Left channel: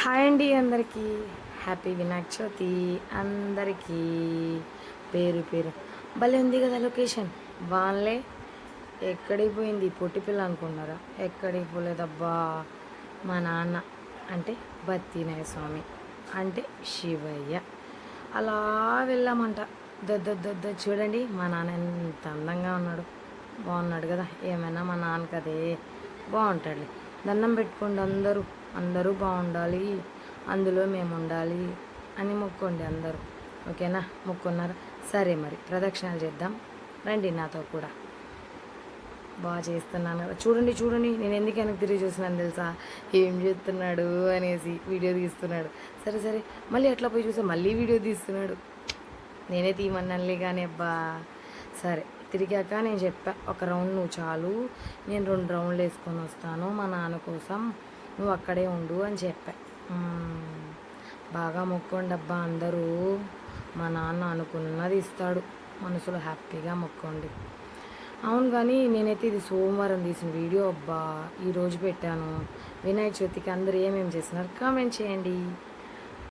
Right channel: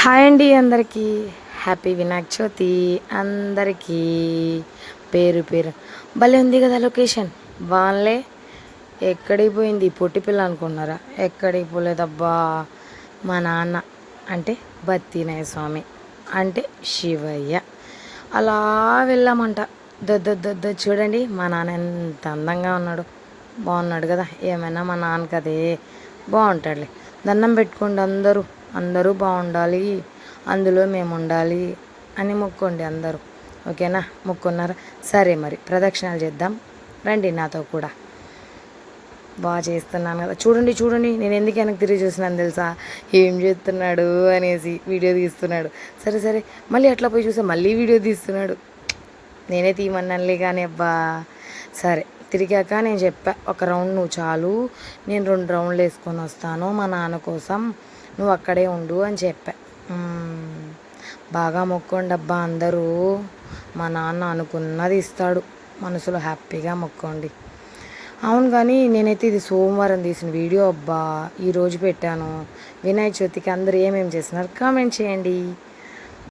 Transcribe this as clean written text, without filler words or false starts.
Hi అండి అందరికీ. Happy Vinayaka Chavithi అందరికీ. పేరు పేరు భలే ఉంది కదా లొకేషన్. వాళ్ళే ఎక్కడికి పోయింది పొట్టి పిల్ల అనుకున్నారా? ఎక్కడికి పోలేదబ్బా. మా నాన్న అంటే బత్తినాయ స్వామి అంటే శివయ్య అలా వెళ్ళామంట. దొద్ద చూడండి మా నాన్న ఎంత అందంగా ఉన్నాడు. బాగున్నాడు కదా. ఏమైనా మా నాన్నకి అదే బాగుంటాడులే. దండం పెట్టుకోండి అందరూ. అందరూ బాగుండాలి, అందులో మేము ఉండాలి అని మొక్కోండి అందరూ. ఓకేనా? మొక్కున్నారా? సరే మరి ప్రదక్షిణాలు చేద్దాం రండి నాతో కూడా. బాగా చేస్తున్నాను కదా. చూడండి చూడండి నేను ఎందుకు వెనక్కి తిరిగి చూస్తున్నాను తెలుసా? ఏం చేస్తున్నాడు అనేసి వీడియో తీస్తున్నాడు. సరే సరే మళ్ళీ అట్లా పోయి చూసా మళ్ళీ వీడియో తీస్తున్నాడు. నేనే తీయమన్నానులే కానీ అబ్బా. సరే తిరిగాక నేను చెప్పా, ఒక రౌండ్ నువ్వు చాలు, నేను 2 రౌండ్లు వేసుకొని వస్తాను మా నాన్న కోసం, నువ్వు అక్కడే ఉండు అని చెప్పా. బాగా మొక్కండి అబ్బా అందరూ. మా నాన్న అనుకున్నది ఇస్తాడు. మనసులో హ్యాపీగా మొక్కండి. అవును కానీ నేనైతే ఇది సోమవారం తీసిన వీడియో అబ్బా. ఈరోజు పెట్టాను. వినాయక చవితికి అందరూ ఏమేమి చేస్తున్నారు కామెంట్ చేయండి.